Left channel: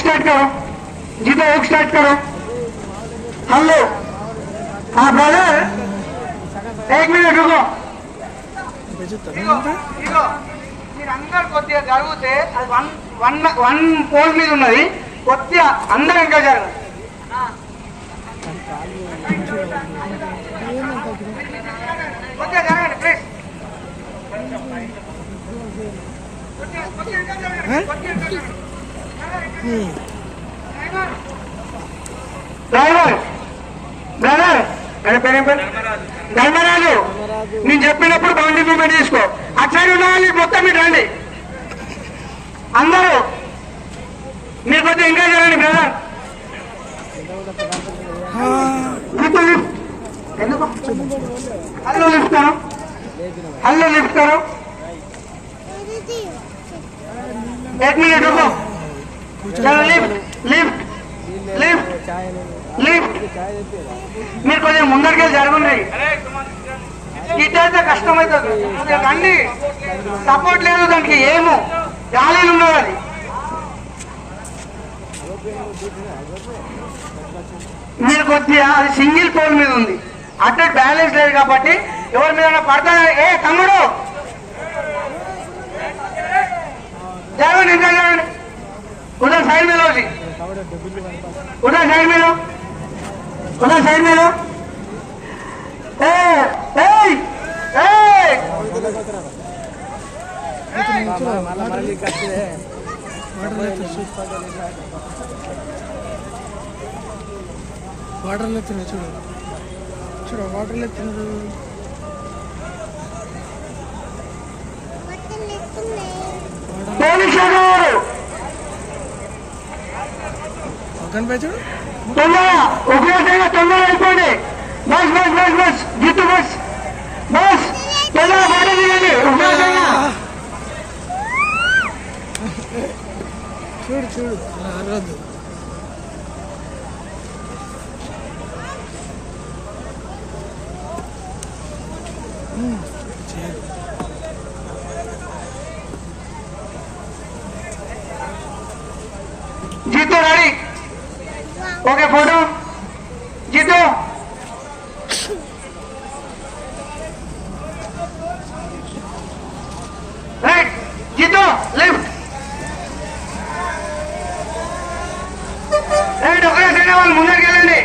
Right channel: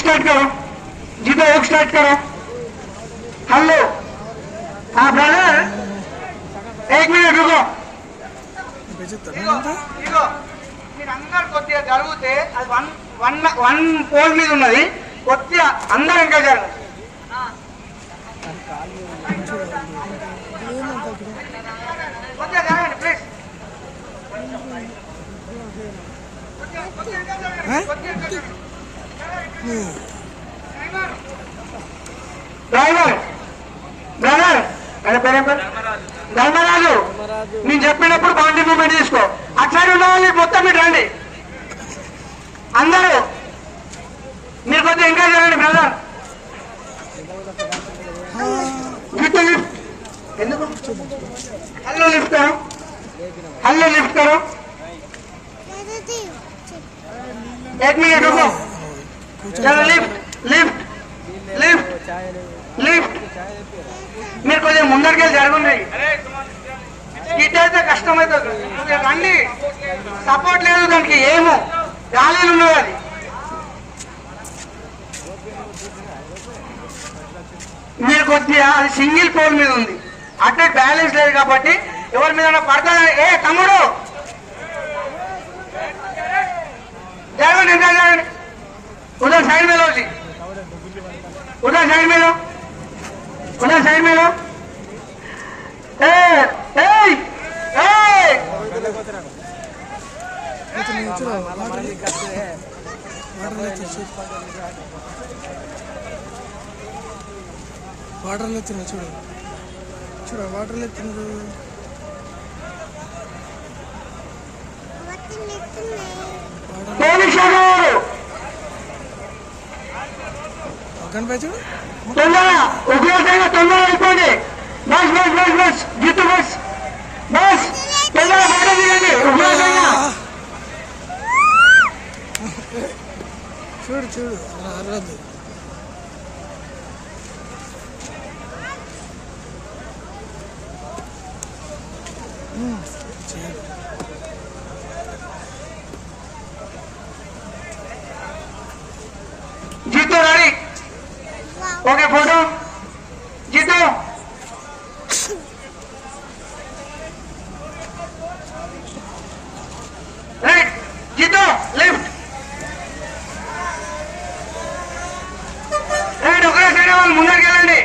Start करो, जीतो एक स्टार्ट करो। हेलो, हाँ ब्रदर, एक मिनट रुको। మీరందరూ కొద్దిగా జరుగుతే అది వన్ పోల్ మీద ఉన్నది, కొద్దిగా అందరూ ఇంకా జరగదు. కొద్దిగా జరగండి ప్లీజ్. డ్రైవర్ బ్రదర్ ధర్మరాజు, నేను చెప్పినప్పుడు బౌండరీ మూమెంట్ తీసుకో. అక్కడ ఉన్న వాళ్ళు మొత్తం మీరు రండి, అందరూ మీరు కొద్దిగా ఇంకా జరగండి బ్రదర్. ఎందుకు హలో లిఫ్ట్ కరో, హలో లిఫ్ట్ करो, एक मिनट रुको. चलो लिफ्ट लिफ्ट लिफ्ट लिफ्ट. మీరు కొంచెం ముందరికి జరగండి, ఇటైతే కష్టమవుతుంది. రండి, సపోర్ట్ లేదు దానికి, ఏమో గాలిలో ఉన్నది అది. మీరు కొద్దిగా అది సింగిల్ పోల్ మీద ఉంది, అట్టే బ్యాలెన్స్ లేదు కాబట్టి ఎవరి మీద పడతారు. ఏ తమ్ముడు जरूर उधर साइड में लो जी, उधर साइड में लो, उधर साइड में लो. వాటర్ లేతున్నా చూడు చూడు వాటర్ లేతున్నారు. తొందరగా అయిపోండి. బస్ బస్ బస్ బస్ జిత్తు బస్ బస్ తొందరగా చూడు చూడు అరవద్దు. जीतो गाड़ी ओके, फोटो जीतो. राइट जीतो, लेफ्ट राइट. ओके सर వాళ్ళు ముందరికి వెళ్ళండి.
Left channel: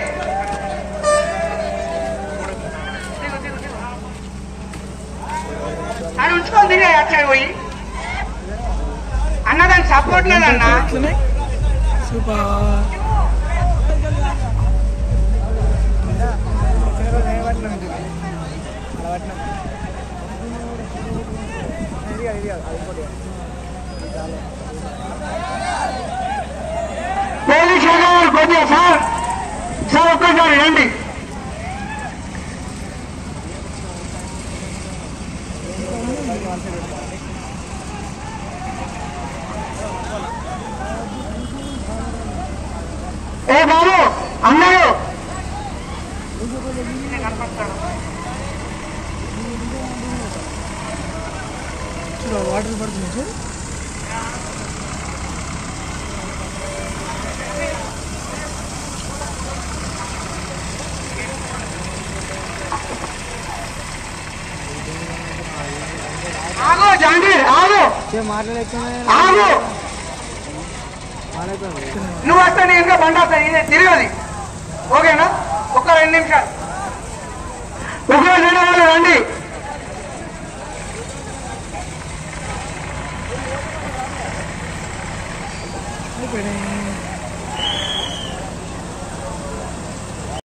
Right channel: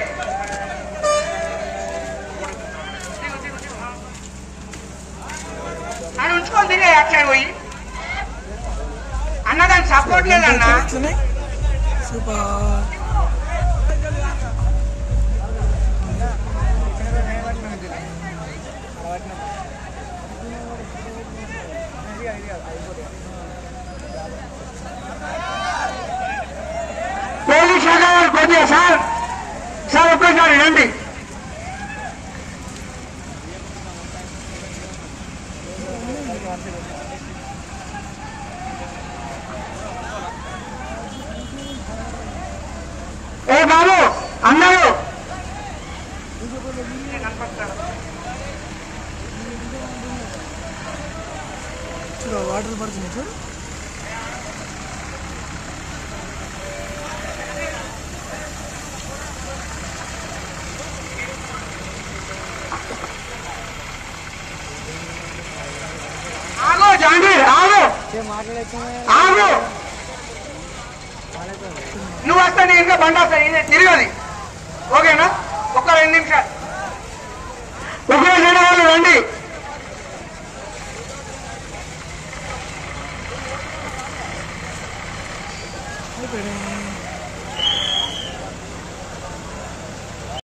అని ఉంచుకోండి అక్కడ పోయి అన్నదాన్ని సపోర్ట్ లేదన్నా. సూపర్. పోలీసు గారు కొద్దిగా సార్ సార్ ఒక్కసారి రండి. ఏ బాబు అన్నారు చూడు వాటర్ పడుతుంది చూడు. ఆగో జాంగీర్ ఆగో ఆగో, నువ్వు వస్తా నీ ఇంకా బండి వస్తా తిరగది. ఓకేనా, ఒక్క 2 నిమిషాలు ఒకేసారి వాళ్ళు రండి. అయిపోయాయి.